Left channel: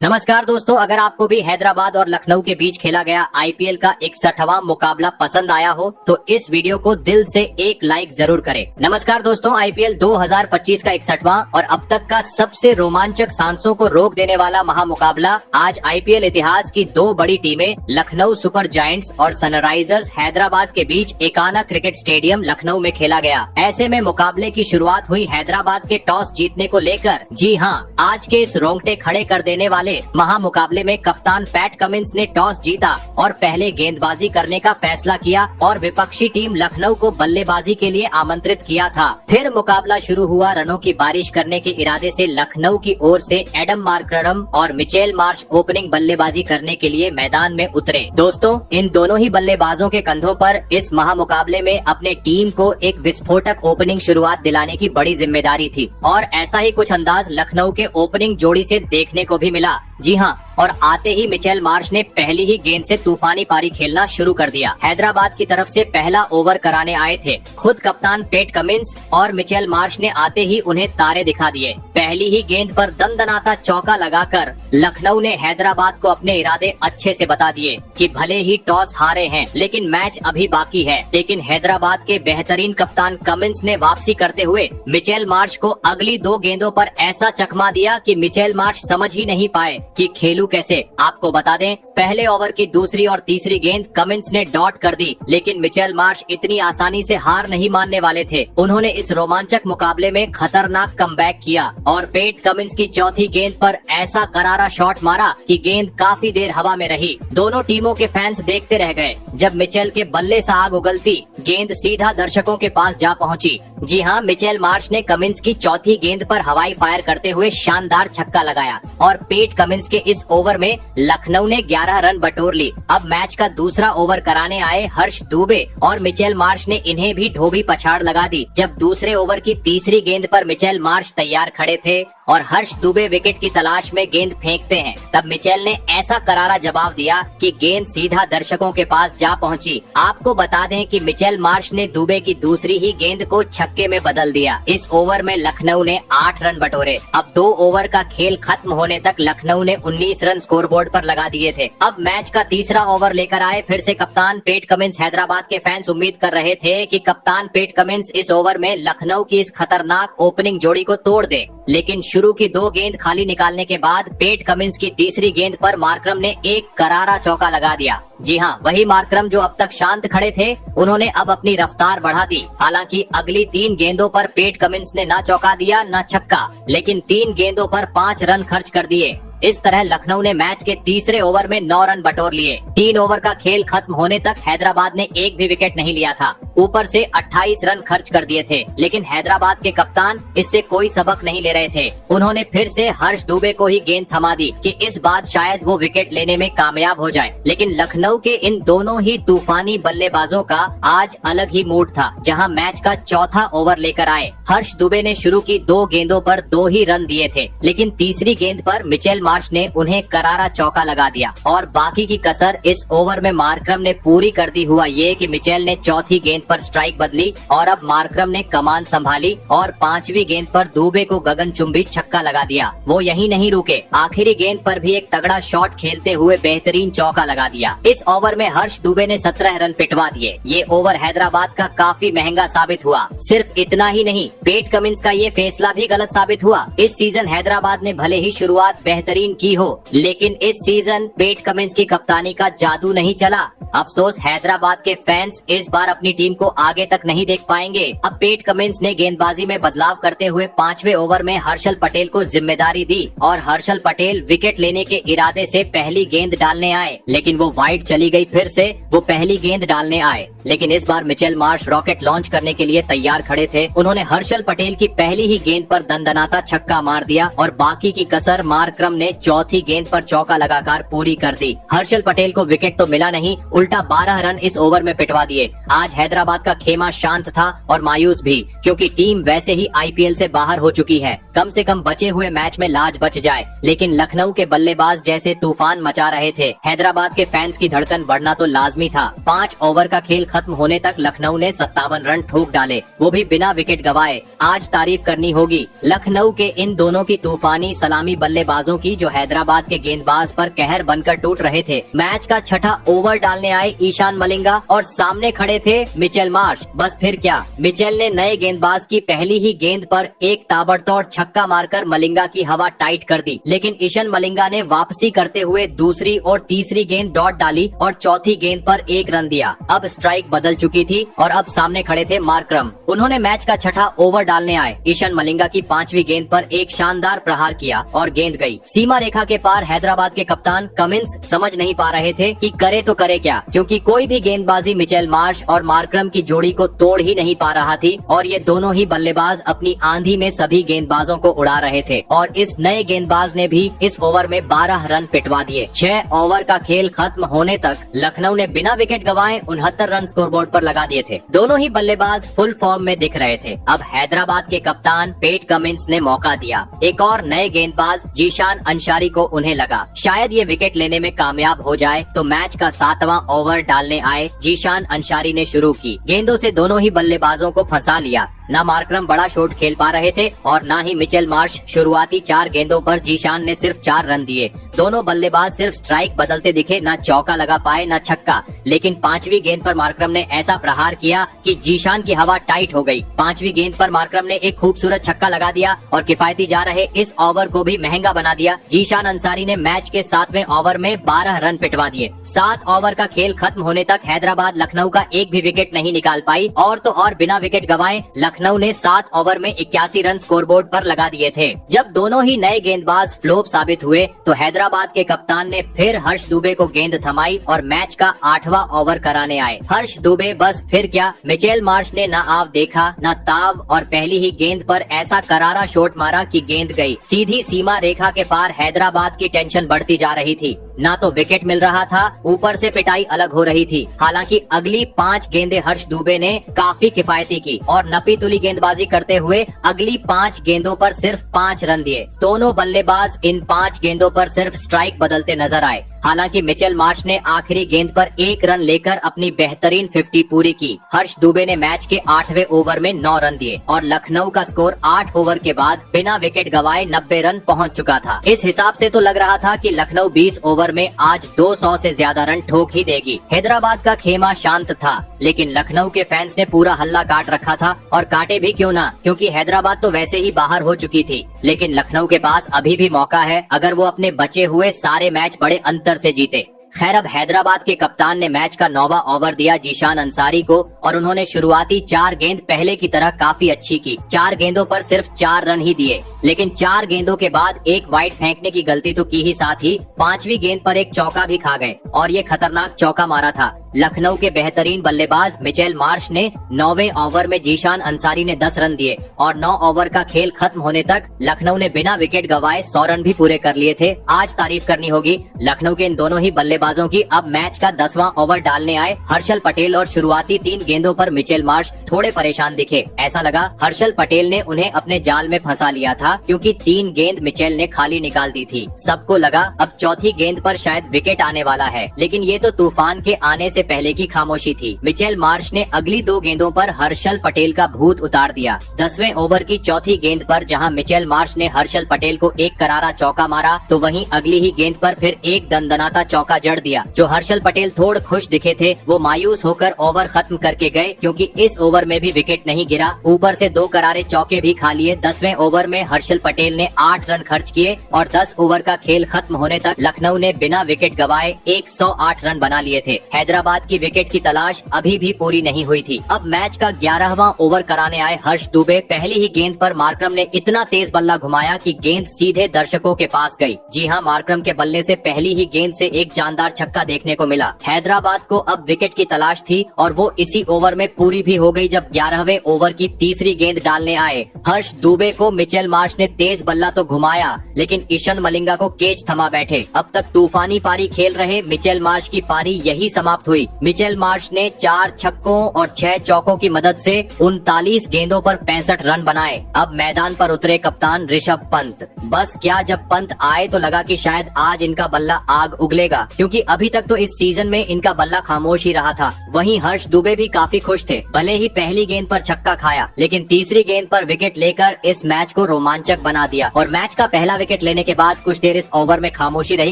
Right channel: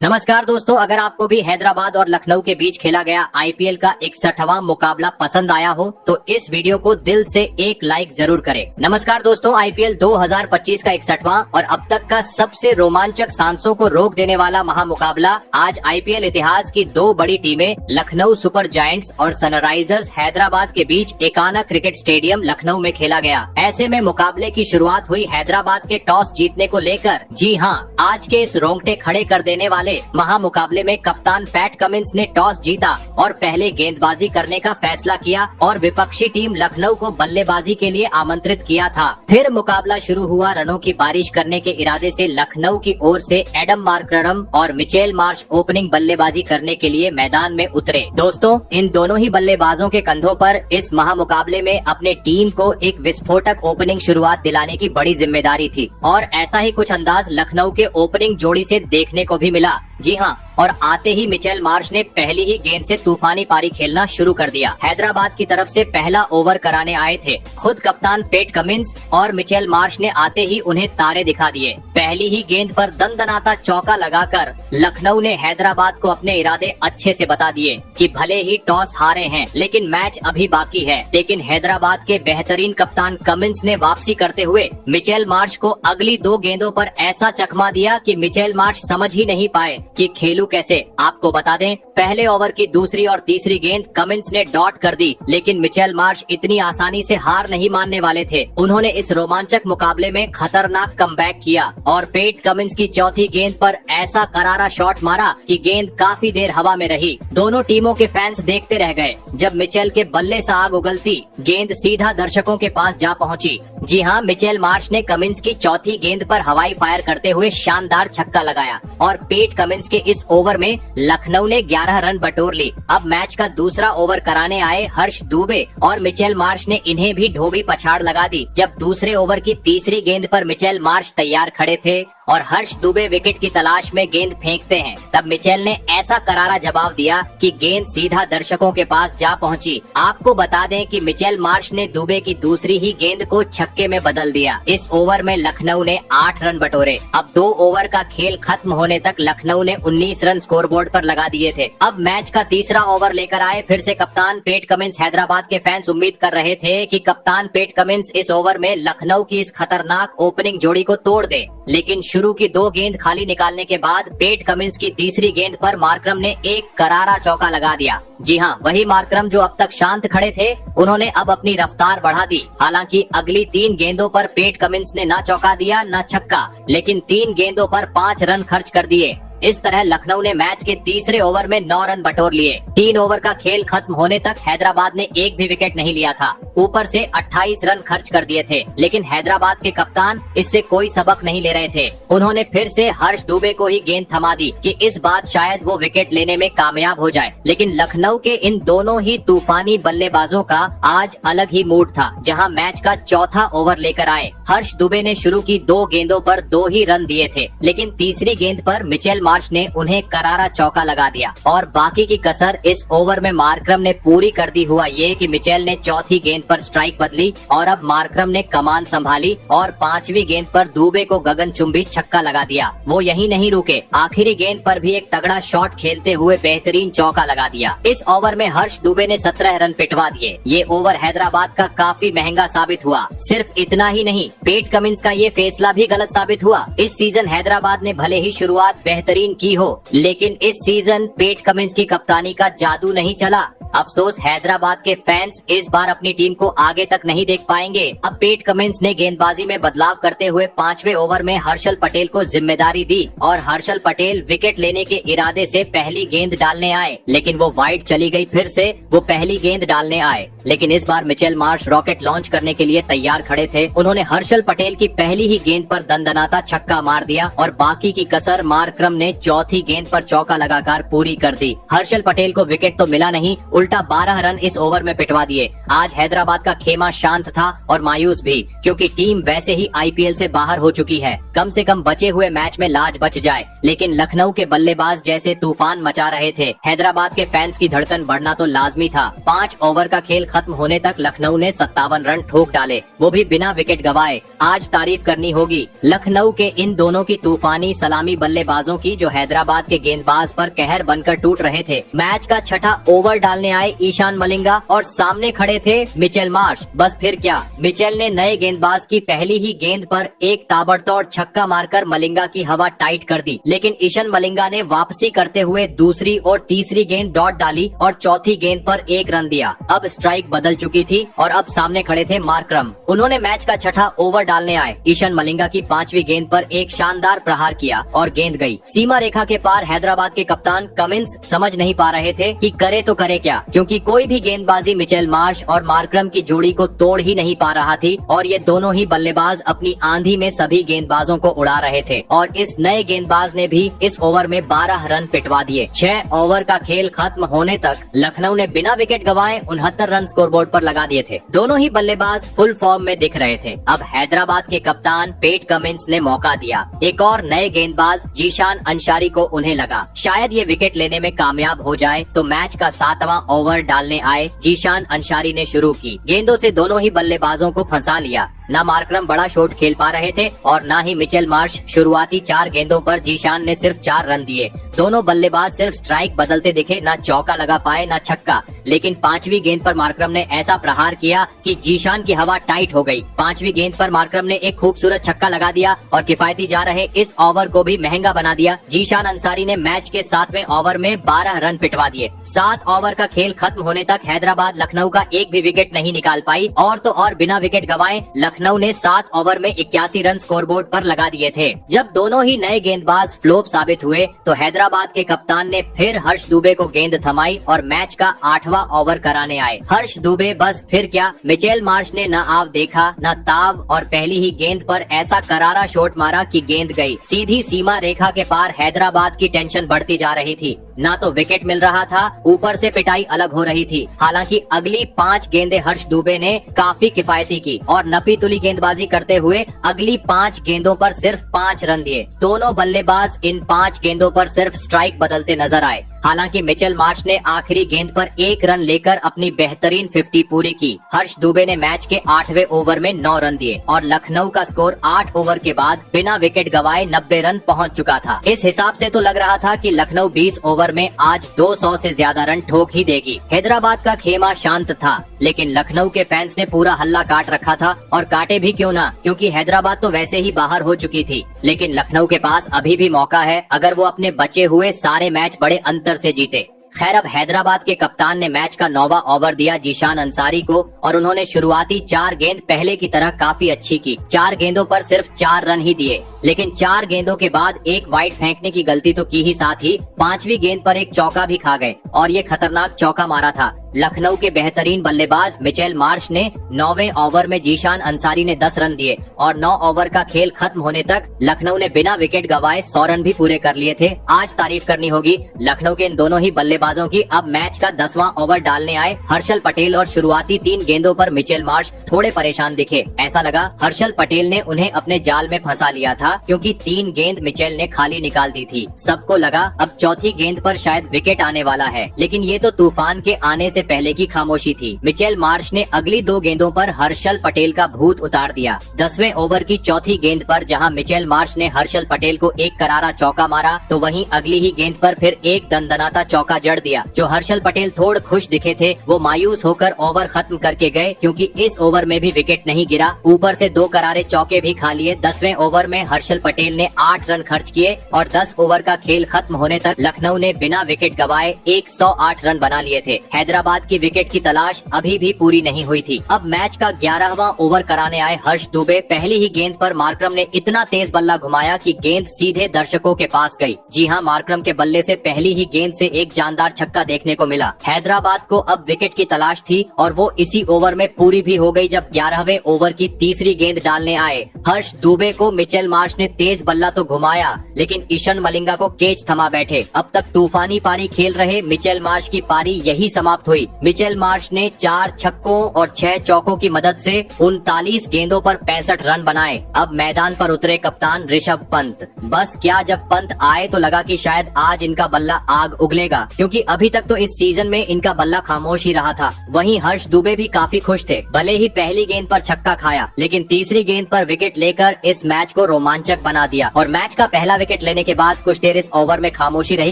नमस्कार दोस्तों, अगर आपको भी हैदराबाद और लखनऊ के बीच खेला गया आईपीएल का 61वां मुकाबला पसंद आया हो तो इस वीडियो को दिल से एक लाइक जरूर करें। नमस्कार दोस्तों, आईपीएल 2025 का 61वां और अब तक का सबसे रोमांचक सांसों को रोक देने वाला महामुकाबला आज आईपीएल इतिहास की दो बड़ी टीमें लखनऊ सुपर जायंट्स और सनराइजर्स हैदराबाद के बीच एकाना क्रिकेट स्टेडियम लखनऊ में खेला गया। ऐसे में मुकाबले की शुरुआत हुई हैदराबाद के टॉस जीतने को लेकर। जी हाँ, आज के इस रोंगटे खड़े कर देने वाले महामुकाबले में कप्तान पैट कमिंस ने टॉस जीता और पहले गेंदबाजी करने का फैसला किया और विपक्षी टीम लखनऊ को बल्लेबाजी के लिए आमंत्रित किया था। फिर मुकाबला शुरू हुआ। रनों की बारिश करने के इरादे से लखनऊ की ओर से एडम मार्करम और मिचेल मार्श ओपनिंग बल्लेबाजी करने के लिए मैदान में उतरे। दोस्तों, इन दोनों ही बल्लेबाजों के कंधों पर इस महामुकाबले में अपने टीम को एक विस्फोटक ओपनिंग शुरुआत दिलाने की बड़ी जिम्मेदारी थी और ऐसा ही कुछ अंदाज लखनऊ के ओपनिंग जोड़ी से देखने को भी मिला। जी हाँ, और आते ही मिचेल मार्श ने पहली ही गेंद से तूफानी पारी खेलना शुरू कर दिया। हैदराबाद की तरफ से पहला ओवर कराने आए थे खुद कप्तान पैट कमिंस और मिचेल मार्श ने आते ही उन्हें तारे दिखा दिए। पहली ही गेंद पर दनदनाता चौका लगाकर लखनऊ ने हैदराबाद को अपने इरादे अच्छे से बता दिए कि भले ही टॉस हारे हैं लेकिन मैच अभी बाकी है। लेकिन हैदराबाद के बेहतरीन कप्तान कमिंस ने वापसी करते हुए मिचेल मार्श को अगली दो गेंदों पर ऐसा चकमा दिया कि मिचेल मार्श समझ ही नहीं पाए कि खेलूं कैसे। आपको बता दें, पहले ओवर की दूसरी और तीसरी गेंद कमिंस ने डॉट कर दी, लेकिन मिचेल मार्श इतनी आसानी से हार नहीं मानने वाले थे। उन्होंने इस रोमांचक मुकाबले में खतरनाक कमबैक किया और पैट कमिंस की चौथी गेंद पर ऐसा करारा शॉट मारा कि गेंद काफी देर हवा में रही। दोनों टीमों के फैंस देखते रह गए जब मिचेल के बल्ले से आग उगलती गेंद सीधा दर्शकों के पास जा पहुंची। जी हाँ, मिचेल मार्श ने कमिंस की चौथी गेंद पर हवाई फायर करते हुए शानदार छक्का लगाया और पैट कमिंस के इस ओवर में लखनऊ ने 11 रन बटोर ली। अब मैच का दूसरा ओवर कराने आए हर्ष दुबे और मिचेल मार्श ने इन्हें भी ढोबी पछाड़ लगा दी। जब दूसरे ओवर की तीसरी गेंद पर मिचेल मार्श तैयार खड़े थे और हर्ष दुबे विकेट की तलाश में गेंद फेंकते हैं, तब मिचेल ने ऐसा करारा जवाब दिया कि गेंद सीधा दर्शकों के पास जा पहुंची। आपको बता दें कि मिचेल मार्श ने दुबे की दूसरी ही गेंद को छक्के में बदल दिया। इस ओवर में लखनऊ ने 8 रन बटोरे। अब 2 ओवर का खेल खत्म होने तक लखनऊ ने 19 रन स्कोरबोर्ड पर लगा दिए थे। अब मैच का तीसरा ओवर लेकर आए फिर से कप्तान पैट कमिंस। हैदराबाद के फैंस उम्मीद कर रहे थे कि कप्तान पैट कमिंस इस ओवर में लखनऊ की इस खतरनाक ओपनिंग जोड़ी को तोड़ दे, लेकिन शुरू की 2 गेंद खाली निकालने के बाद पैट कमिंस की तीसरी गेंद पर मार्करम ने एक करारा चौका लगा दिया। जी हाँ, वही मार्करम जो अब तक शांत खड़े थे, उन्होंने अब अपनी रफ्तार बढ़ा दी। हालांकि अगली 3 गेंदों पर पैट कमिंस ने न चौका दिया न छक्का, लेकिन 3 गेंदों पर 5 रन खर्च कर दिए। इस तरह लखनऊ ने मैच के तीसरे ओवर में 9 रन बटोर लिए। 3 ओवर का खेल खत्म होने तक हैदराबाद ने एक भी विकेट नहीं लिया था। ऊपर से 28 रन खर्च कर दिए थे, लेकिन हैदराबाद के कप्तान इससे कोई सबक नहीं ले रहे थे। उन्होंने फिर से हर्ष दुबे को ही गेंद थमा दी कि इस बार शायद वो विकेट लेने में कामयाब हो जाए। लेकिन लखनऊ के इन दोनों ही तूफानी बल्लेबाजों का आज अलग ही मूड था। जहां मैच का चौथा ओवर लेकर आए, हर्ष दुबे ने शुरू की 2 गेंदों पर 2 ही रन दिए थे, लेकिन तीसरी गेंद पर मिचेल मार्श ने उन्हें करारा चौका लगा दिया और बाकी की कसर इस ओवर में मार्करम ने पूरी कर दी। हुआ ये कि मिचेल ने चौथी गेंद पर स्ट्राइक बदली और अब मार्करम ने कमान संभाली और 5वीं गेंद पर दुबे को गगनचुंबी छक्का लगा दिया। वो यहीं नहीं रुके, आखिरी गेंद पर भी एक तगड़ा शॉट खेलते हुए बेहतरीन चौका लगा दिया। इस ओवर में हर्ष दुबे ने 17 रन पिटवा दिए। ये ओवर हैदराबाद का काफी महंगा साबित हुआ। सिर्फ इतना ही नहीं, पैट कमिंस का ये फैसला भी गलत साबित हुआ। इस सीजन हैदराबाद ने भले ही शुरुआत बेहतरीन की हो, लेकिन इस सीजन पैट कमिंस की कप्तानी का जादू नहीं चला। अफसोस, हैदराबाद के फैंस इस बार अपनी टीम को आगे तक नहीं देख पाएंगे। अब पैट कमिंस ने गेंदबाजी में बदलाव करते हुए 5वें ओवर में हर्षल पटेल को जिम्मेदारी दी और हर्षल पटेल विकेट लेने के इरादे से पहली गेंद डालने आए, लेकिन वो वाइड चली गई। फिर से वो पहली गेंद डालने आए, लेकिन इस बार मिचेल मार्श रॉकेट लॉन्च करने के लिए तैयार खड़े थे। उन्होंने हर्षल पटेल की पहली ही गेंद पर दंदनाता छक्का मार दिया और बाकी की कसर मार्करम ने चौथी गेंद पर चौका लगाकर पूरी कर दी। हर्षल पटेल को विकेट तो मिला नहीं, उल्टा 12 रन इस ओवर में पिटवा दिए। आज हैदराबाद का खेमा शांत था और मायूस भी, क्योंकि टीम वैसे ही आईपीएल से बाहर हो चुकी है। कम से कम बचे हुए मैच में लाज बच जाए, लेकिन लखनऊ के बल्लेबाज जैसे तूफान मचा रहे थे। हैदराबाद के फैंस की धड़कन बढ़ना तो लाजमी था। 5 ओवर का खेल खत्म होने तक लखनऊ ने 57 रन ठोक डाले, वो भी बिना विकेट गवाए। आज तारीफ करनी होगी लखनऊ के इन दोनों की तूफानी सलामी बल्लेबाजों की, जो हैदराबाद के गेंदबाज पर कहर बनकर टूट रहे थे। मैच का छठा ओवर डालने आए ईशान मलिंगा और सामने खड़े थे मिचेल मार्श। बस फिर क्या, मिचेल ने नए गेंदबाज की पहली ही गेंद पर एक ताबड़तोड़ छक्का मारकर मलिंगा की हवा टाइट कर दी, लेकिन ईशान मलिंगा ने वापसी करते हुए दूसरी और तीसरी गेंद डॉट डाली और चौथी गेंद पर 1 रन दिया। अब स्ट्राइक बदल चुकी थी और अब सामने खड़े थे मार्करम। उन्होंने मैच का छठा ओवर डालने आए ईशान मलिंगा की 5वीं गेंद पर एक शानदार प्रहार किया और गेंद गई सीमा रेखा के पार। हैदराबाद के कप्तान कमिंस समझ नहीं पा रहे थे कि करे तो करे क्या, क्योंकि कोई भी गेंदबाजी मिचेल मार्श और मार्करम की जोड़ी को तोड़ ही नहीं पा रहा थी और ये दोनों ही बल्लेबाज अपनी आंधी में सभी गेंदबाजों को उड़ा रहे थे। और इस नए गेंदबाज ने भी इस ओवर में 12 रन पिटवा दिए। 6 ओवर का खेल खत्म होने तक लखनऊ ने बिना विकेट गवाए 69 रन स्कोरबोर्ड पर लगा दिए थे। दोनों ही बल्लेबाज फुल फॉर्म में दिख रहे थे। अब हैदराबाद के कप्तान पेट कमिंस ने मौका दिया। एक और नए गेंदबाज जीशान अंसारी को उन्हें लगा शायद ये विकेट लेने में कामयाब हो जाए, तो मैच का 7वां ओवर डालने आए जीशान अंसारी ने शुरू की गेंदों से दोनों ही बल्लेबाजों को फंसा लिया। न मार्करम बड़ा शॉट खेल पा रहे थे और न ही मिचेल मार्श। शुरुआती 4 गेंदों पर जीशान ने सिर्फ 4 रन दिए। दोनों बल्लेबाज सिर्फ स्ट्राइक बदलते दिखे, न चौका लगा पाए न छक्का। लेकिन 5वीं गेंद पर मार्करम ने ऐसा प्रहार किया कि जीशान की हवा टाइट हो गई। 5वीं गेंद पर मार्करम ने एक खूबसूरत छक्का लगा दिया और किफायती जा रहे इस ओवर को भी महंगा बना दिया। जीशान अंसारी ने मैच के 7वें ओवर में 12 रन पिटवा दिए। 7 ओवर का खेल खत्म होने तक हैदराबाद लखनऊ का एक भी विकेट नहीं निकाल पाई और तो और बिना विकेट गवाए लखनऊ ने 7 ओवर में 81 रन स्कोरबोर्ड पर लगा दिए थे। जब दोनों ही नए गेंदबाज फ्लॉप साबित हुए तो हैदराबाद के कप्तान ने फिर हर्ष दुबे को गेंद थमाई और मैच का 8वां ओवर कराने आए। हर्ष दुबे बस फिर क्या, मिचेल मार्श ने न आव देखा न ताव और पहली ही गेंद पर ऐसा करारा शॉट मारा कि गेंद गई सीधी सीमा रेखा के पार। हैदराबाद की टेंशन बढ़ती जा रही थी, ना तो विकेट मिल रहा था, ऊपर से पिटाई अलग हो रही थी। हालांकि अगली 5 गेंदें हर्ष दुबे ने काफी किफायती की और नपी तुली गेंदबाजी करते हुए अगली 5 गेंदों पर सिर्फ 5 रन दिए। दोनों बल्लेबाज इन 5 गेंदों पर सिर्फ स्ट्राइक बदलते नजर आए। हालांकि मिचेल मार्श ने आखिरी गेंद पर 1 रन लेकर अपनी बेहतरीन 50 पूरी की। हर्ष दुबे ने मैच के 8वें ओवर में 9 रन दिए और लखनऊ का स्कोर 8 ओवर के बाद बिना विकेट गवाए 90 रन पहुंच चुका था। इस हिसाब से तो लग रहा था कि लखनऊ 20 ओवर में आज 200 से ज्यादा रन ठोक ही देगी। हैदराबाद का खेमा शांत था, लेकिन लखनऊ के फैंस ने पूरा हल्ला काट रखा था और काटे भी क्यों ना, क्योंकि हैदराबाद तो वैसे ही बाहर हो चुकी थी। लेकिन लखनऊ के पास अभी भी मौका है अगर वो अपने बचे हुए सारे मैच बड़े अंतर से जीते। खैर, अब हैदराबाद के कप्तान ने मैच का 9वां ओवर दिया जीशान अंसारी को और उन्होंने शुरुआती 4 गेंद पहले की तरह काफी अच्छी की। 4 गेंदों पर सिर्फ 4 रन ही दिए, लेकिन 4 गेंदों के बाद एक वाइड फेंकने की गलती तो की ही, साथ ही 5वीं गेंद पर एक चौका भी खा गए और ये खतरनाक चौका मारा था। लखनऊ के बेहतरीन बल्लेबाज मिचेल मार्श ने 9वें ओवर में जीशान अंसारी ने 10 रन दिए और 9 ओवर का खेल खत्म होने तक लखनऊ ने बिना विकेट गवाए 100 रन भी पूरे कर लिए थे। आज तारीफ करनी होगी लखनऊ के इन दोनों ही बल्लेबाजों की। अब मैच का 10वां ओवर डालने आए हर्षल पटेल और शुरुआती 3 गेंदों पर मिचेल मार्श थोड़े परेशान दिखे। ऐसा लगा हर्षल पटेल ने उन्हें अपने जाल में फंसा लिया था, क्योंकि 3 गेंद मिचेल ने खाली निकाल दी थी। सबको लगा अब चौथी गेंद पर शायद विकेट आने वाला है, लेकिन ये तो तूफान के आने से पहले की खामोशी थी। मिचेल मार्श ने अगली 2 गेंदों पर हर्षल पटेल का भूत उतार दिया। 10वें ओवर की चौथी गेंद पर जहां मिचेल मार्श ने हर्षल पटेल को एक करारा चौका मारा, तो वहीं अगली ही गेंद पर फिर एक दंदनाता चौका जड़ दिया। जो हर्षल पटेल थोड़े खुश दिखे थे, वो मायूस होकर ओवर खत्म करके गए, क्योंकि इस ओवर में भी विकेट नहीं गिरा। ऊपर से 2 करारे चौके भी खा लिए। 10वें ओवर में हर्षल पटेल ने 8 रन खर्च किए और 10 ओवर का खेल खत्म होने तक लखनऊ ने बिना विकेट गवाए 108 रन बना लिए थे। हैदराबाद की विकेट की तलाश अभी भी पूरी नहीं हुई थी। अब मैच का 11वां ओवर कराने आए हर्ष दुबे। पहली ही गेंद पर मार्करम ने इतना तेज बल्ला घुमाया कि गेंद सीधे दर्शकों के पास गई। जी हां, मार्करम के बल्ले से पहली ही गेंद से एक जानदार छक्का देखने को मिला। हैदराबाद को अब विकेट की तलाश थी और वो इसी ओवर में पूरी भी हो गई, जब 11वें ओवर की तीसरी गेंद डालने आए। हर्ष दुबे को मिचेल मार्श मार्श ने तेज बल्ला तो घुमाया, लेकिन ईशन मलिंगा को केज थमा बैठे। अब तक तूफानी पारी खेल रहे मिचेल मार्श की पारी यही समाप्त हुई। मिचेल मार्श ने 4 छक्कों और 6 चौकों की मदद से 39 गेंदों पर 65 रन बनाए। अब मैदान पर उतरे कप्तान ऋषभ पंत। बस क्या, जब पंत आए तो लगा कि शायद आज इनका बल्ला आग उगलेगा, क्योंकि अभी तक तो इस सीजन में इनका बल्ला खामोश ही रहा था। वहीं हर्ष दुबे भी काफी खुश थे। भले ही पहली गेंद पर छक्का खाया, लेकिन तीसरी गेंद पर विकेट लेकर इस मैच को रोमांचक बना दिया। और मैच का पहला विकेट लेने के बाद कुछ देर इस ओवर में खामोशी रही,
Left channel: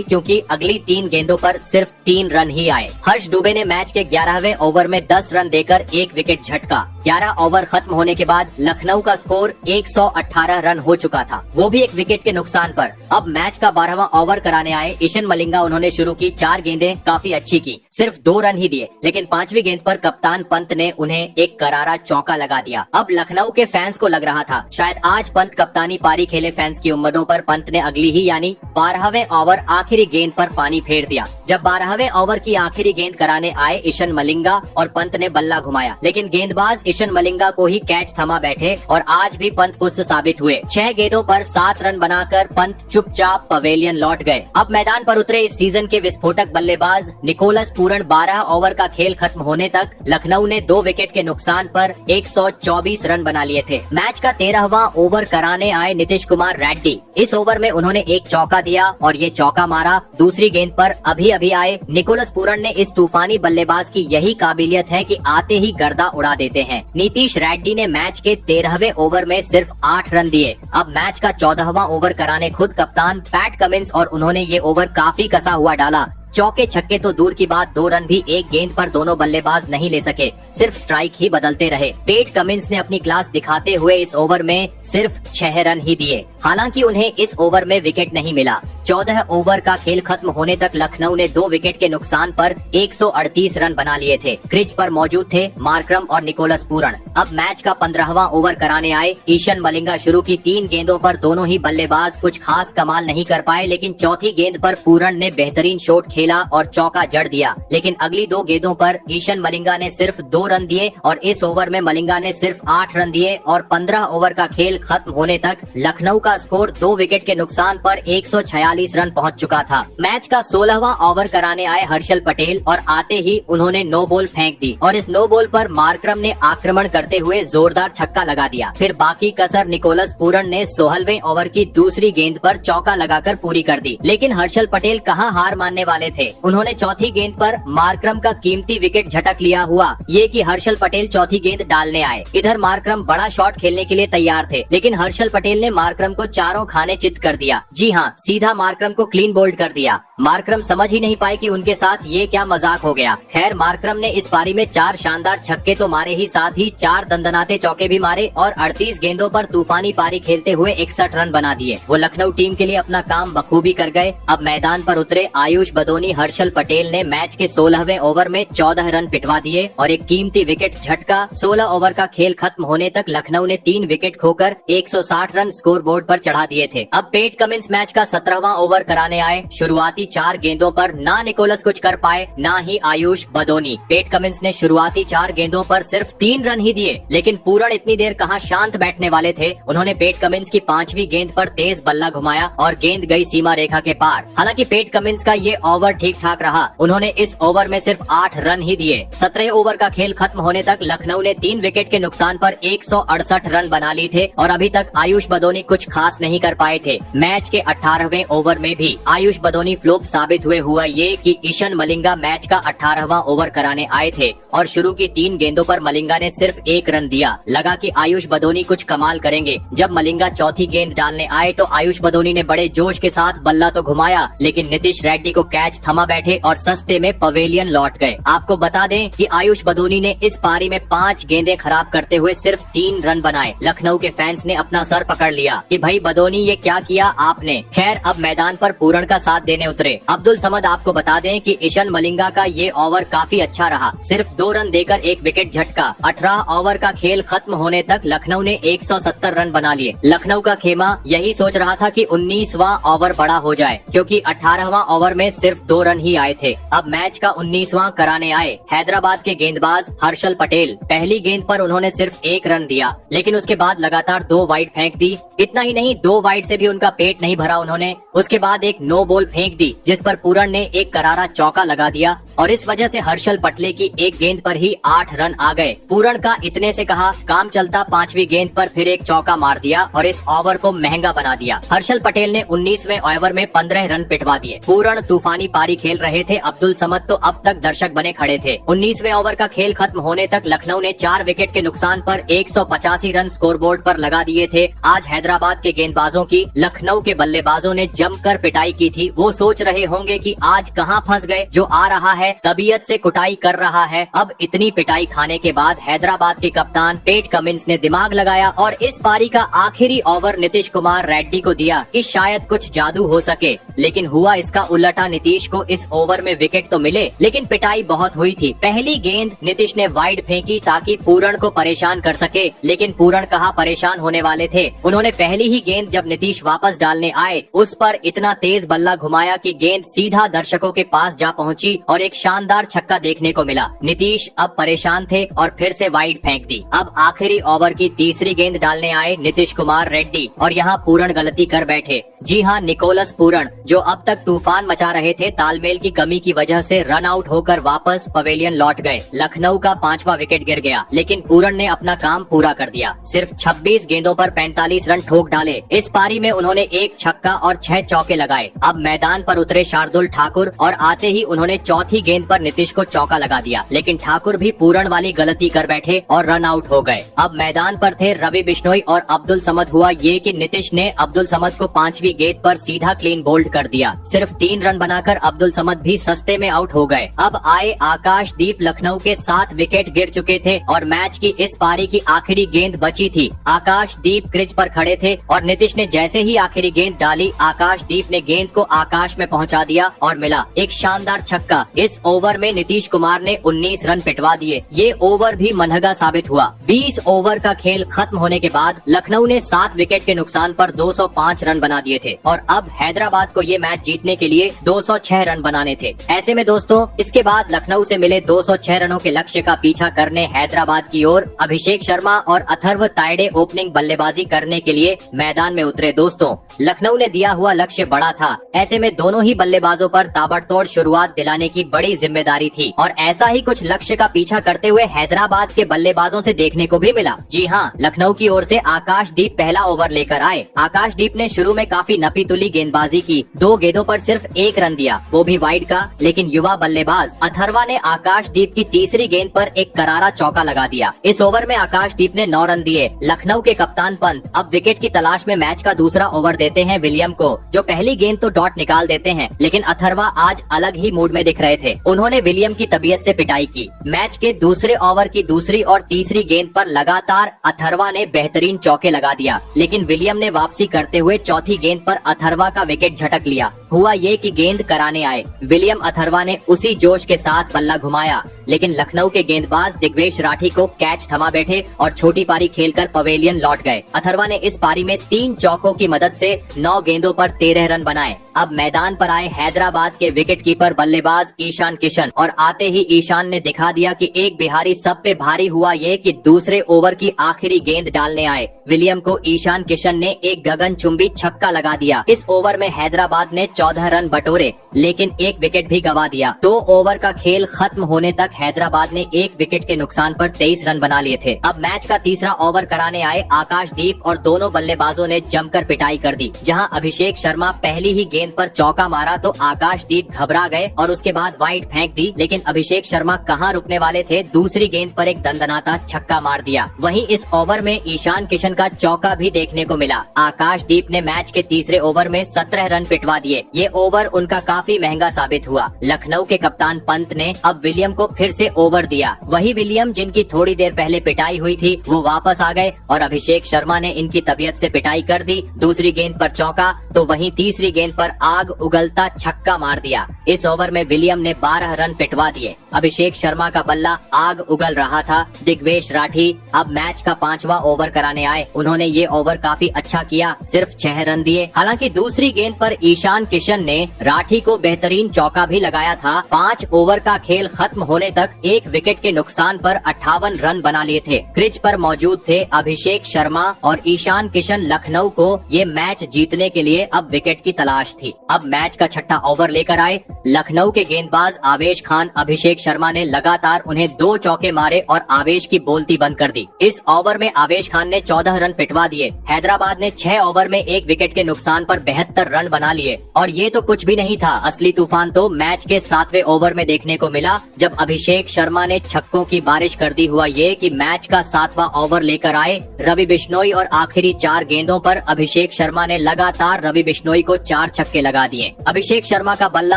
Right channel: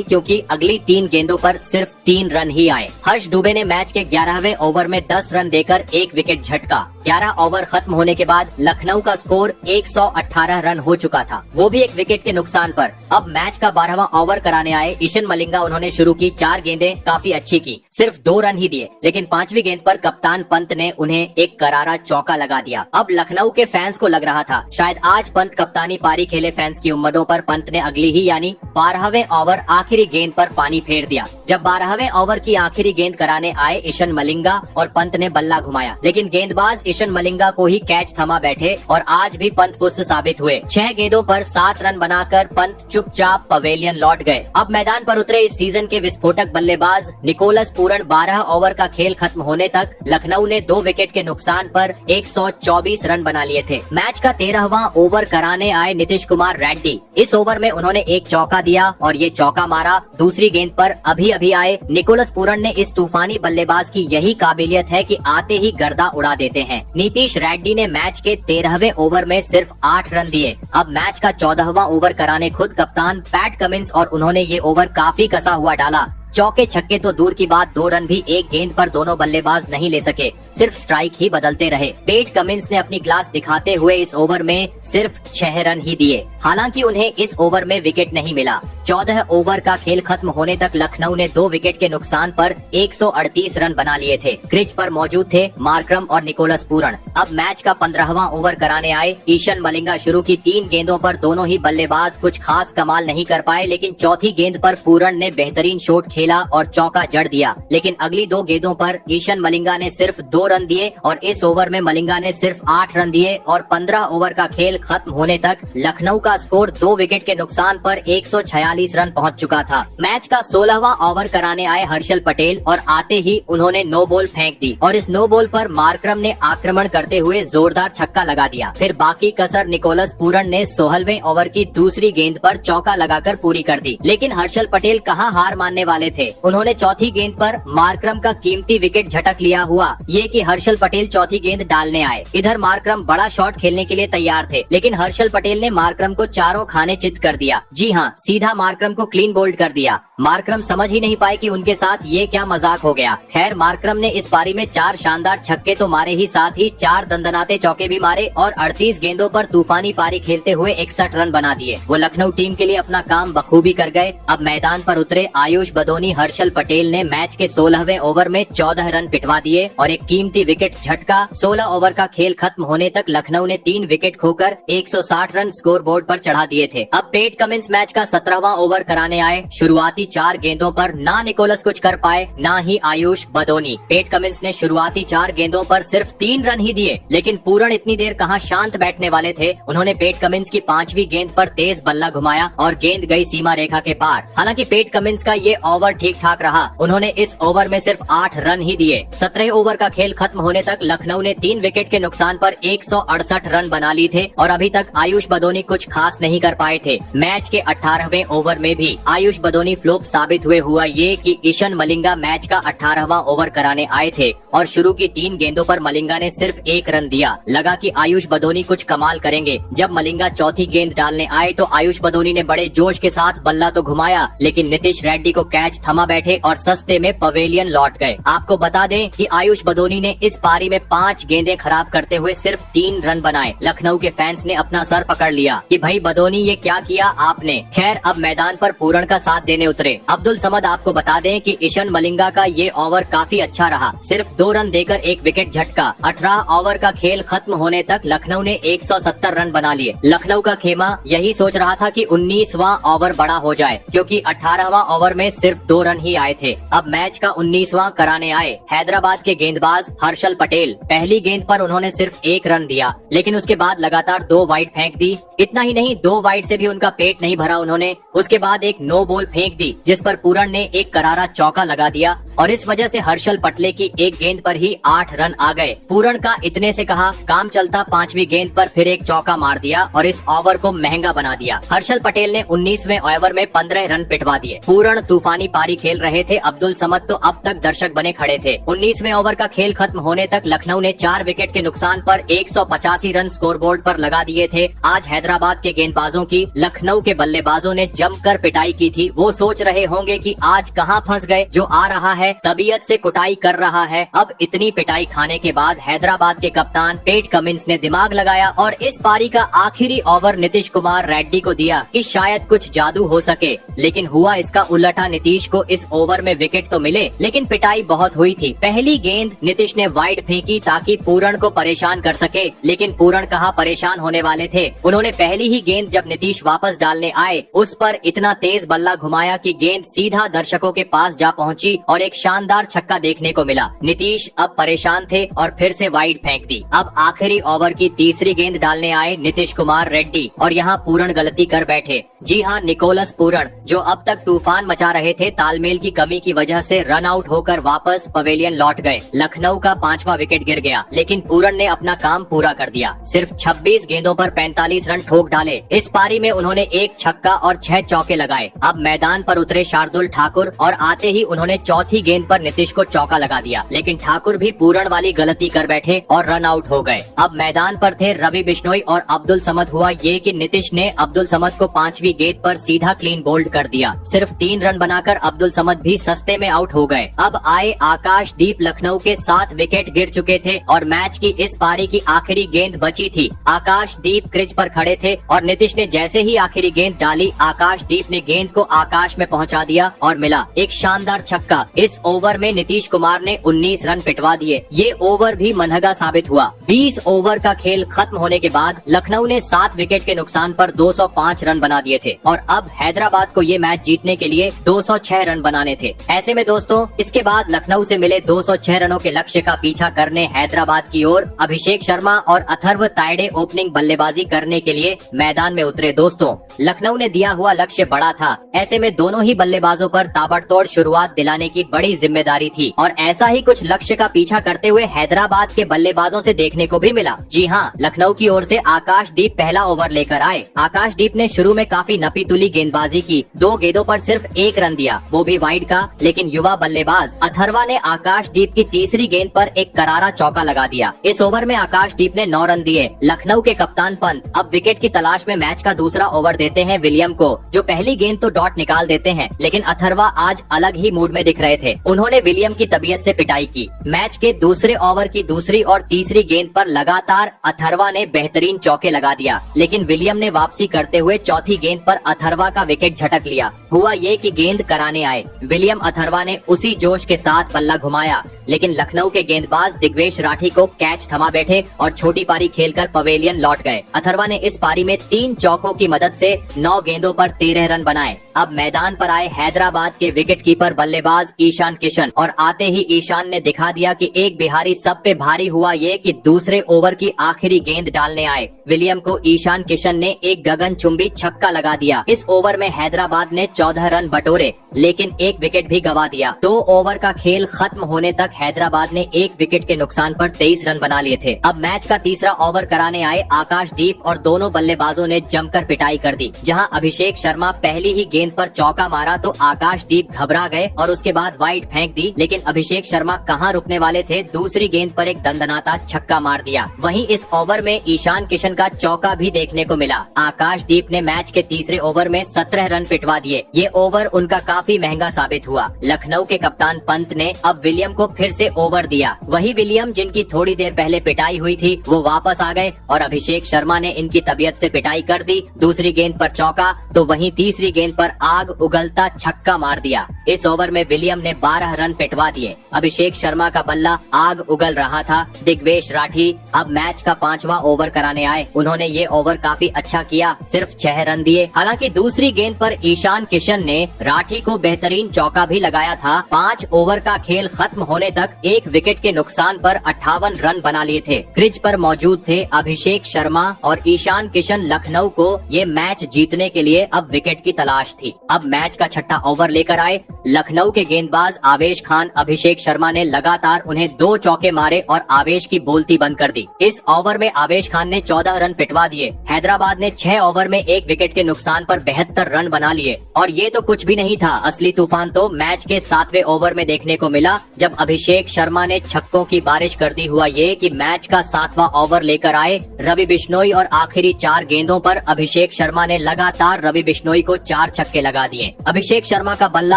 क्योंकि अगली 3 गेंदों पर सिर्फ 3 रन ही आए। हर्ष दुबे ने मैच के 11वें ओवर में 10 रन देकर 1 विकेट झटका। 11 ओवर खत्म होने के बाद लखनऊ का स्कोर 118 रन हो चुका था, वो भी 1 विकेट के नुकसान पर। अब मैच का 12वां ओवर कराने आए ईशन मलिंगा। उन्होंने शुरू की 4 गेंदें काफी अच्छी की, सिर्फ 2 रन ही दिए, लेकिन 5वीं गेंद पर कप्तान पंत ने उन्हें एक करारा चौका लगा दिया। अब लखनऊ के फैंस को लग रहा था शायद आज पंत कप्तानी पारी खेले। फैंस की उम्मीदों पर पंत ने अगली ही यानी 12वें ओवर आखिरी गेंद पर पानी फेर दिया। जब 12वें ओवर की आखिरी गेंद कराने आए ईशन मलिंगा और पंत ने बल्ला घुमाया, लेकिन गेंदबाज ईशन मलिंगा को ही कैच थमा बैठे और आज भी पंत फुस साबित हुए। 6 गेंदों पर 7 रन बनाकर पंत चुपचाप पवेलियन लौट गए। अब मैदान पर उतरे इस सीजन के विस्फोटक बल्लेबाज निकोलस पूरन। 12 ओवर का खेल खत्म होने तक लखनऊ ने 2 विकेट के नुकसान पर 124 रन बना लिए थे। मैच का 13वां ओवर कराने आए नीतीश कुमार रेड्डी। इस ओवर में उन्होंने एक चौका दिया और ये चौका मारा। दूसरी गेंद पर अभी आए निकोलस पूरन ने। इस तूफानी बल्लेबाज की यही काबिलियत है कि आते ही गर्दा उड़ा देते हैं। नीतीश रेड्डी ने मैच के 13वें ओवर में सिर्फ 8 रन दिए। अब मैच का 14वां ओवर कराने खुद कप्तान पैट कमिंस और उन्होंने ये ओवर काफी कसा हुआ डाला। चौके छक्के तो दूर की बात, 2 रन भी एक गेंद पर दोनों बल्लेबाज नहीं ले सके, सिर्फ स्ट्राइक ही बदलते रहे। पेट कमिंस ने अपनी क्लास दिखाते हुए इस ओवर में सिर्फ 6 रन ही दिए। हालांकि उन्हें इस ओवर में विकेट नहीं मिला। 14 ओवर का खेल खत्म होने तक लखनऊ ने 2 विकेट के नुकसान पर 138 रन बना लिए थे। क्रीज पर मौजूद थे मार्करम और निकोलस पूरन। अब मैच का 15वां ओवर कराने आए ईशन मलिंगा। शुरू की 3 गेंदों पर दोनों ही बल्लेबाज कुछ खास कमाल नहीं कर पाए, लेकिन चौथी गेंद पर पूरन ने बेहतरीन शॉट खेला और चौका जड़ दिया। लेकिन अगली 2 गेंदों पर ईशन मलिंगा ने सिर्फ 2 रन दिए और इस ओवर में मलिंगा ने सिर्फ 8 रन दिए। और 15 ओवर का खेल खत्म होने तक लखनऊ का स्कोर 2 विकेट के नुकसान पर 146 रन पहुंच चुका था। मैच का 16वां ओवर कराने आए हर्षल पटेल और आते ही उन्होंने नो बॉल फेंक दी और इस नो बॉल पर मार्करम ने आक्रमण करते हुए जोरदार छक्का लगा दिया। फिर बाकी कसर निकोलस पूरन ने 16वें ओवर की दूसरी गेंद पर चौका लगाकर पूरी कर दी। लेकिन हर्षल पटेल कहां हार मानने वाले थे। उन्होंने चौथी गेंद पर मार्करम का कीमती विकेट झटक लिया। हुआ ये कि हर्षल पटेल चौथी गेंद डालने आए। इधर मार्करम बड़ा शॉट खेलने के लिए तैयार थे, लेकिन हर्षल पटेल ने मार्करम को चारों खाने चित कर दिया। जी हाँ, सीधा मार्करम को क्लीन बोल्ड कर दिया। मार्करम समझ ही नहीं पाए कि उनके साथ ये क्या मजाक हो गया। खैर, मार्करम ने इस पारी में 4 शानदार छक्के तो मारे ही, साथ ही 4 दंदनाते चौके भी मारे और 38 गेंदों पर तूफानी पारी खेलते हुए 61 रन बना दिए। वो लखनऊ टीम के लिए अपना काम बखूबी कर गए। अब मैदान पर उतरे आयुष बदोनी। हर्षल पटेल ने मैच के 16वें ओवर में 14 रन पिटवा दिए और एक कीमती विकेट झटका। 16 ओवर का खेल खत्म होने तक लखनऊ ने 3 विकेट खोकर 160 रन स्कोर बोर्ड पर चढ़ा दिए थे। अब पेट कमिंस मैच का 17वां ओवर कराने आए। शुरुआती 4 गेंदों पर ना निकोलस कुछ कर पाए, ना ही आयुष बदोनी। पेट कमिंस ने शुरुआती 4 गेंदों पर सिर्फ 3 रन ही दिए, लेकिन पूरन इतनी देर कहां शांत बैठने वाले थे। उन्होंने पेट कमिंस की 5वीं गेंद पर तेज बल्ला घुमाया और गेंद गई सीमा रेखा के पार। हालांकि पेट कमिंस का ये ओवर ठीक ठाक रहा। उन्होंने इस ओवर में सिर्फ 8 रन ही दिए। 17 ओवर का खेल खत्म होने तक लखनऊ ने 3 विकेट के नुकसान पर 168 रन बना लिए थे और अभी तक आयुष बदोनी कुछ खास नहीं कर पाए थे। मैच के 18वें ओवर में भी आयुष बदोनी फ्लॉप साबित हुए। हुआ ये कि ईशन मलिंगा मैच का 18वां ओवर कराने आए थे और शुरू की 3 गेंदों पर मलिंगा ने सिर्फ 1 रन दिया। लगा कि आयुष बदोनी कुछ कमाल करेंगे। जब मलिंगा चौथी गेंद डालने आए तो आयुष बदोनी ने बड़े जोश के साथ बल्ला तो घुमाया, लेकिन नीतीश रेड्डी को कैच थमा बैठे और सस्ते में पवेलियन लौट गए। आपको बता दें कि आयुष बदोनी ने इस पारी में 5 गेंदें खराब करते हुए सिर्फ 3 रन बनाए। लखनऊ के फैंस ने अपना सर पकड़ लिया कि भाई बदोनी ये क्या किया आपने। खैर, अब मैदान पर पूरन का साथ देने उतरे उतरे। अब्दुल समद आपको बता दें कि ईशान मलिंगा का ये ओवर काफी अच्छा रहा, सिर्फ 2 रन देकर 1 विकेट झटका। 18 ओवर का खेल खत्म होने तक लखनऊ ने 170 रन बना लिए। लखनऊ का खेमा यही सोच रहा था कि 19वां ओवर बड़ा हो जाए, क्योंकि 18वां ओवर में सिर्फ 2 रन ही आए थे। अब मैच का 19वां कराने आए हैदराबाद के गेंदबाज हर्षल पटेल। पहली गेंद पर उन्होंने सिर्फ 1 रन दिया, लेकिन उसके बाद लगातार 2 वाइड फेंक दी। इतना ही नहीं, 2 वाइड से भी उनका पेट नहीं भरा उन्होंने। उसके बाद एक नो बॉल फेंक दी, जिस पर पूरण ने एक करारा चौका लगा दिया और इस वजह से हर्षल पटेल की एक गेंद पर ही 8 रन आ गए। पूरण का इतने से कहा काम चलता, 5वीं गेंद पर फिर एक चौका मार दिया और इस ओवर को महंगा बना दिया। हर्षल पटेल ने 19वें ओवर में 15 रन पिटवा दिए। पूरण तूफानी पारी खेल रहे थे, अब्दुल समद तो अब तक दर्शक बने खड़े थे। 19वें ओवर का खेल खत्म होने तक लखनऊ ने 4 विकेट के नुकसान पर 185 रन स्कोरबोर्ड पर लगा दिए थे। आज हैदराबाद के गेंदबाजों की लखनऊ के बल्लेबाजों ने जमकर पिटाई की थी। वो सोच रहे होंगे कि आज कहां फंस गए, जो आ रहा है तबीयत से कुटाई कर रहा है। अब इतनी पिटाई खाने के बाद हैदराबाद के कप्तान पेट कमिंस ने दिमाग लगाया और इस पारी का आखिरी ओवर नीतीश कुमार रेड्डी को दिया कि शायद कुछ जादू हो सके, लेकिन हुआ इसका उल्टा। नीतीश को इस ओवर में विकेट तो मिले, लेकिन पिटाई बहुत हुई थी। पहली गेंद नीतीश ने वाइड फेंकी ताकि पूरण को परेशान कर सके, लेकिन पूरण कहाँ परेशान होने वाले थे। उन्होंने पहली ही गेंद जब नीतीश वापस डालने आए, उस पर इतना तेज बल्ला घुमाया कि गेंद सीधा दर्शकों के पास जा पहुंची और एक शानदार छक्का देखने को मिला। नीतीश अब परेशान थे और फिर से वाइड फेंक दी। अब आखिरी ओवर की तीसरी गेंद डालने आए नीतीश कुमार रेड्डी और यहाँ पूरण गलती कर बैठे। जी हाँ, निकोलस पूरण, जो अब तक तूफान मचा रहे थे, तालमेल की कमी की वजह से रन आउट होकर वापस पवेलियन लौट गए। लखनऊ का 5वां विकेट गिर गया, लेकिन पूरण ने अपना काम पूरा कर दिया। सिर्फ 26 गेंदों पर 45 रन ठोक डाले। इस पारी में उन्होंने 1 छक्का और 6 चौके लगाए। अब मैदान पर उतरे शार्दुल ठाकुर और आते ही उन्होंने चौथी गेंद पर नीतीश को चौका लगा दिया, लेकिन ठाकुर भी पूरण वाली गलती कर बैठे और रन आउट हो गए। अब मैदान पर थे रवि बिश्नोई और अब्दुल समद। हुआ ये कि नीतीश ने अब्दुल समद को 5वीं गेंद पर सीधा क्लीन बोल्ड कर दिया। सिर्फ 3 रन बनाकर अब्दुल समद भी सस्ते में आउट हो गए। अब आए आकाशदीप। लखनऊ के 7 विकेट गिर चुके थे और मैच की इस पारी की आखिरी गेंद बची थी। आकाशदीप क्रीज पर खड़े थे और नीतीश ने जैसे ही आखिरी गेंद डाली, आकाशदीप ने गेंद को आकाश में पहुंचा दिया और मिला एक शानदार छक्का। इस ओवर में नीतीश कुमार ने 19 रन पिटवा दिए। ये ओवर भी मनहगा साबित हुआ। 20 ओवर का खेल खत्म होने के बाद लखनऊ ने 7 विकेट के नुकसान पर 205 रन बना दिए थे और अब हैदराबाद को ये मैच जीतने के लिए 206 रन बनाने थे। ऐसे में दोस्तों, इसके बाद लखनऊ से मिले 206 रनों के लक्ष्य का पीछा करने हैदराबाद की ओर अभिषेक शर्मा और अथर्व तायडे ओपनिंग बल्लेबाजी करने के लिए मैदान में उतरे। दोस्तों, लखनऊ ने दिया हुआ लक्ष्य बड़ा था। ऐसे में दोनों ही बल्लेबाजों पर ताबड़तोड़ शुरुआत दिलाने की बड़ी जिम्मेदारी थी और ऐसा ही कुछ लक्ष्य का पीछा करते हुए हैदराबाद के बल्लेबाजों से देखने को भी मिला। जी हाँ, लखनऊ की ओर से आकाशदीप पहला ओवर लेकर आए। आकाशदीप ने शुरू में काफी नपीतुली गेंदबाजी की। 2 गेंदों पर सिर्फ 1 रन दिया, वो भी वाइड का, लेकिन युवा बल्लेबाज अथर्वा ने आकाशदीप की तीसरी गेंद पर एक करारा चौका लगा दिया। इस ओवर में आकाशदीप ने 9 रन दिए। लखनऊ के कप्तान पंत अब विकेट की तलाश में मैच का दूसरा ओवर देते हैं विलियम को, जो पहली गेंद तो डॉट निकाल देते हैं, लेकिन अथर्वा आज अलग ही मूड में दिख रहे थे। उन्होंने विलियम की तबीयत से पिटाई की। मैच के दूसरे ओवर की दूसरी और तीसरी गेंद पर लगातार अथर्वा ने बेहतरीन चौके लगा दिया, लेकिन विलियम ने वापसी करते हुए चौथी गेंद पर अथर्वा का विकेट झटक लिया। हुआ ये कि गेंद कराने आए विलियम अथर्वा ने उसी जोश के साथ बल्ला घुमाया, लेकिन लखनऊ के गेंदबाज दिग्वेश राठी को कैच थमा बैठे और छोटी पारी खेलकर पवेलियन लौट गए। अथर्वा ने इस पारी में 3 चौकों की मदद से 9 गेंदों पर 13 रन बनाए। अब मैदान पर आए हैदराबाद के विकेटकीपर बल्लेबाज ईशान किशन और आते ही ईशान ने दिखा दिया कि एक बिहारी सब पे भारी। हुआ ये कि दूसरे ओवर की आखिरी गेंद डालने आए विलियम को ईशान किशन ने एक गगनचुंबी छक्का लगा दिया। इस ओवर में हैदराबाद ने 14 रन बटोरे, लेकिन एक विकेट भी गवा दिया। 2 ओवर का खेल खत्म होने तक हैदराबाद ने 1 विकेट के नुकसान पर 23 रन बना लिए थे। अब मैच का तीसरा ओवर कराने आए आकाशदीप और दोनों बल्लेबाजों ने जमकर पिटाई कर दी। जहां अभिषेक शर्मा पहली ही गेंद पर चौका मारा तो आकाशदीप घबरा गए और उसके बाद वाइड फेंक दी, लेकिन अभिषेक शर्मा कहां रुकने वाले थे, दूसरी गेंद पर एक दंदनाता छक्का मार दिया। वहीं इस ओवर में ईशान किशन का चौका भी देखने को मिला। आकाशदीप ने मैच के तीसरे ओवर में 17 रन पिटवा दिए ये ओवर उनका काफी महंगा साबित हुआ। लखनऊ के कप्तान पंत ने अब विलियम को फिर से ओवर दिया। वही विलियम जिनकी थोड़ी देर पहले पिटाई हुई थी वो वापस आ गए और अभिषेक शर्मा ने इनकी तबीयत से पिटाई कर दी। दूसरी गेंद पर चौका तो वहीं तीसरी गेंद पर आग उगलता छक्का मार दिया। इस ओवर में विलियम ने 12 रन पिटवा दिए। अभिषेक शर्मा का बल्ला आग उगल रहा था। दिग्वेश राठी अब मैच का 5वां ओवर कराने आए। उन्होंने ये ओवर काफी अच्छा किया, सिर्फ 6 रन दिए। हालांकि दूसरी गेंद पर ईशान किशन ने राठी को बेहतरीन चौका भी लगाया था। 5 ओवर का खेल खत्म होने तक 1 विकेट के नुकसान पर 58 रन बना लिए थे। क्रीज पर मौजूद थे अभिषेक शर्मा और ईशान किशन। लखनऊ को ये मैच जीतने के लिए अब विकेट की तलाश थी। अब मैच का छठा ओवर लेकर आए लखनऊ के गेंदबाज आवेश खान। अभिषेक शर्मा ने लगातार उन्हें 2 चौके मारे और आवेश की बोलती बंद कर दी। इस ओवर में आवेश खान ने 14 रन पिटवा दिए। हैदराबाद ने 6 ओवर में 1 विकेट के नुकसान पर 72 रन बना लिए। और ये तो कुछ भी नहीं था, असली तूफान तो मैच के 7वें ओवर में देखने को मिला, जब अभिषेक शर्मा ने छक्कों की बारिश कर दी। हुआ ये कि मैच का 7वां ओवर लेकर आए रवि बिश्नोई और आखिरी 4 गेंदों पर अभिषेक शर्मा ने लगातार रवि बिश्नोई को 4 छक्के लगा दिए। अभिषेक शर्मा का बल्ला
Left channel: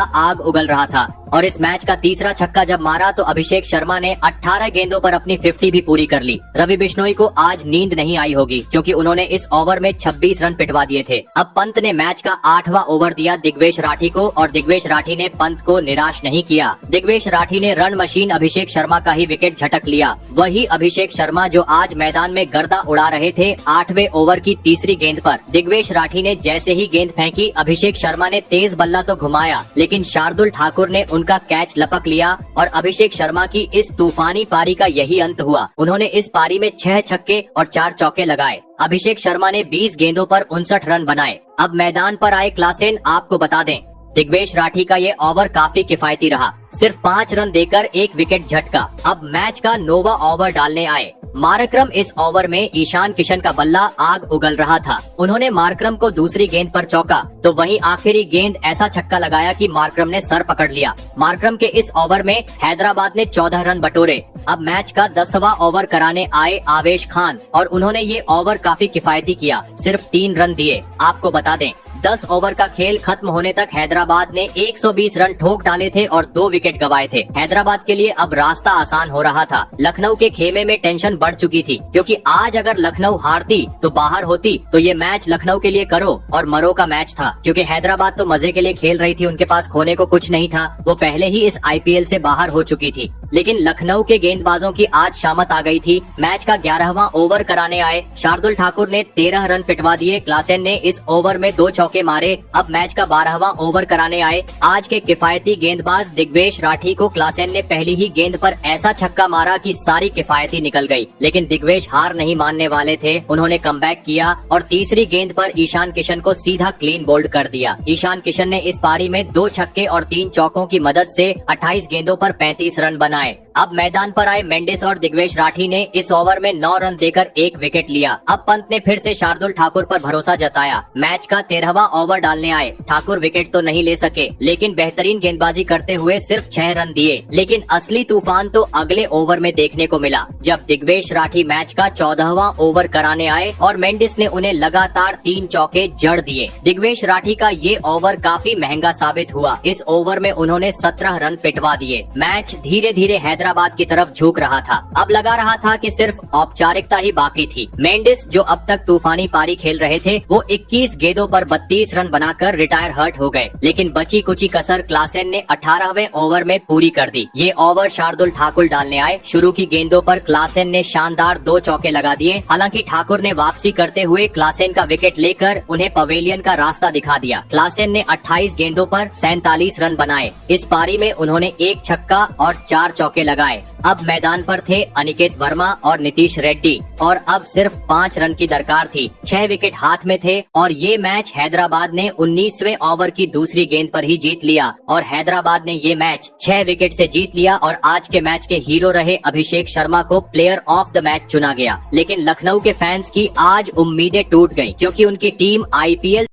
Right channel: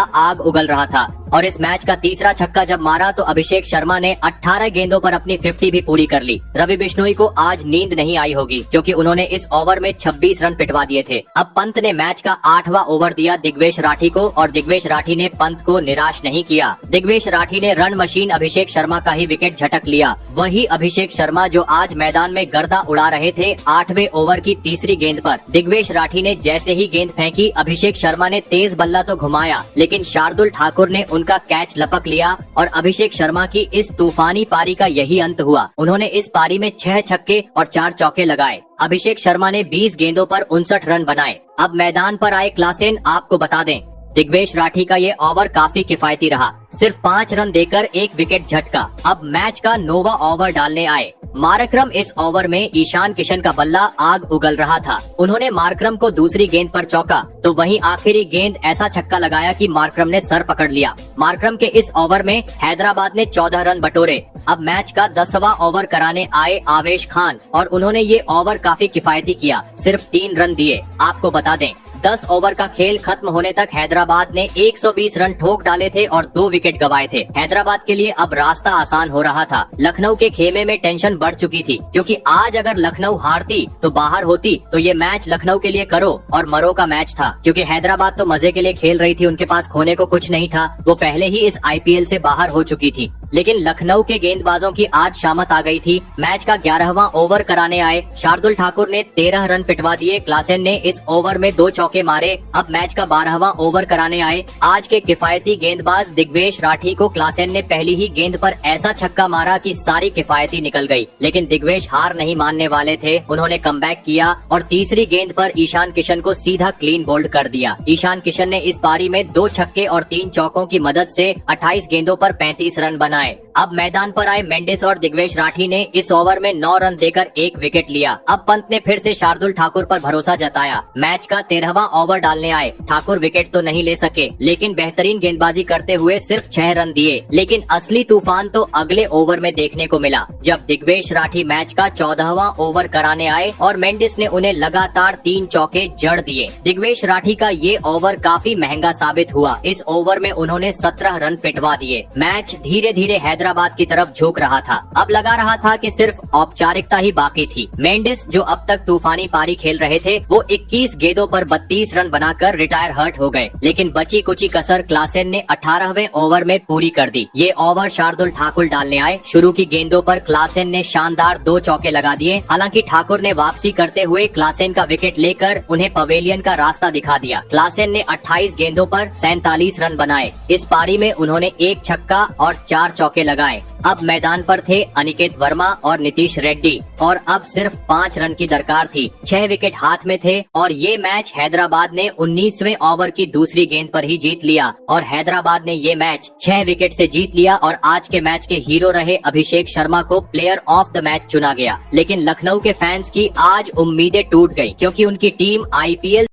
आग उगल रहा था और इस मैच का तीसरा छक्का जब मारा तो अभिषेक शर्मा ने 18 गेंदों पर अपनी 50 भी पूरी कर ली। रवि बिश्नोई को आज नींद नहीं आई होगी क्योंकि उन्होंने इस ओवर में 26 रन पिटवा दिए थे। अब पंत ने मैच का 8वां ओवर दिया दिग्वेश राठी को और दिग्वेश राठी ने पंत को निराश नहीं किया। दिग्वेश राठी ने रन मशीन अभिषेक शर्मा का ही विकेट झटक लिया। वही अभिषेक शर्मा जो आज मैदान में गर्दा उड़ा रहे थे। 8वें ओवर की तीसरी गेंद पर दिग्वेश राठी ने जैसे ही गेंद फेंकी, अभिषेक शर्मा ने तेज बल्ला तो घुमाया लेकिन शार्दुल ठाकुर ने उनका कैच लपक लिया और अभिषेक शर्मा की इस तूफानी पारी का यही अंत हुआ। उन्होंने इस पारी में 6 छक्के और 4 चौके लगाए। अभिषेक शर्मा ने 20 गेंदों पर 59 रन बनाए। अब मैदान पर आए क्लासेन। आपको बता दें दिग्वेश राठी का ये ओवर काफी किफायती रहा, सिर्फ 5 रन देकर 1 विकेट झटका। अब मैच का 9वां ओवर डालने आए मारक्रम। इस ओवर में ईशान किशन का बल्ला आग उगल रहा था। उन्होंने मारक्रम को दूसरी गेंद पर चौका तो वहीं आखिरी गेंद ऐसा छक्का लगाया कि मारक्रम ने सर पकड़ लिया। मारक्रम के इस ओवर में हैदराबाद ने 14 रन बटोरे। अब मैच का 10वां ओवर कराने आए आवेश खान और उन्होंने ये ओवर काफी किफायती किया, सिर्फ 3 रन दिए। आपको बता दें 10 ओवर का खेल खत्म होने तक हैदराबाद ने 120 रन ठोक डाले थे और 2 विकेट गंवाए थे। हैदराबाद के लिए अब रास्ता आसान हो रहा था। लखनऊ के खेमे में टेंशन बढ़ चुकी थी क्योंकि आज अगर लखनऊ हारती तो बाहर होती तो ये मैच लखनऊ के लिए करो और मरो का मैच था, क्योंकि हैदराबाद तो मजे के लिए खेल रही थी, उनके पास खोने को कुछ नहीं था। वो पहले ही इस IPL से बाहर हो चुकी थी। लेकिन लखनऊ के गेंदबाजों की आज शामत आ गई थी। मैच का 11वां ओवर कराने आए शार्दुल ठाकुर ने 13 रन पिटवा दिए। क्लासेन ने इस ओवर में 2 चौके मारे। अब मैच का 12वां ओवर कराने आए आज के किफायती गेंदबाज दिग्वेश राठी को क्लासेन ने पहली ही गेंद पर ऐसा छक्का मारा कि सारी किफायती निकल गई। लेकिन दिग्वेश हार नहीं मानने वाले थे, उन्होंने कमबैक किया और तीसरी गेंद पर ईशान किशन को सीधा क्लीन बोल्ड कर दिया। ईशान किशन ने इस पारी में 2 छक्के और 3 चौकों की मदद से 28 गेंदों पर 35 रन बनाए। अब मैदान पर आए मेंडिस और दिग्वेश राठी ने इस ओवर में 9 रन देकर 1 विकेट लिया। अब पंत ने फिर से शार्दुल ठाकुर पर भरोसा जताया। मैच का 13वां ओवर डालने आए। ठाकुर विकेट तो नहीं ले सके लेकिन बेहतरीन गेंदबाजी करते हुए सिर्फ 6 रन दिए। लेकिन असली तूफान तो अगले ओवर में देखने को मिला जब दिग्वेश राठी मैच का 14वां ओवर कराने आए और मेंडिस ने उन्हें लगातार 3 चौके जड़ दिए। दिग्वेश राठी का ये ओवर काफी महंगा साबित हुआ। इस ओवर में उन्होंने 17 रन पिटवा दिए। मैच धीरे धीरे हैदराबाद की तरफ झुक रहा था। अब लगा रहा था कि सिर्फ औपचारिकता ही बाकी थी। मेंडिस जो अब तक तूफानी पारी खेल रहे थे वो 21 गेंदों पर 32 रन बनाकर रिटायर हर्ट हो गए। लेकिन बची कुची कसर क्लासेन ने 18वें ओवर में पूरी कर दी। ये ओवर शार्दुल ठाकुर डालने आए। शुरू की गेंदों पर क्लासेन ने शानदार 2 चौके लगा दिए। हालांकि ठाकुर ने वापसी करते हुए क्लासेन का विकेट लेकर उन्हें पवेलियन का रास्ता दिखा दिया। क्लासेन ने 28 गेंदों पर 47 रन बनाए। इस पारी में उन्होंने 1 छक्का और 4 चौके लगाए। अब मैदान पर थे अनिकेत वर्मा और नीतीश रेड्डी और अब सिर्फ 5 रन की दरकार थी। 6 विकेट हाथ में थे और ये मैच हैदराबाद ने 19वें ओवर की दूसरी गेंद पर ही जीत लिया और हैदराबाद ने ये मैच 6 विकेट से जीत लिया और आज के मैच के हीरो रहे अभिषेक शर्मा को प्लेयर ऑफ द मैच चुना गया। लेकिन लखनऊ के फैंस की आज उम्मीदें टूट गयी क्योंकि उनकी टीम IPL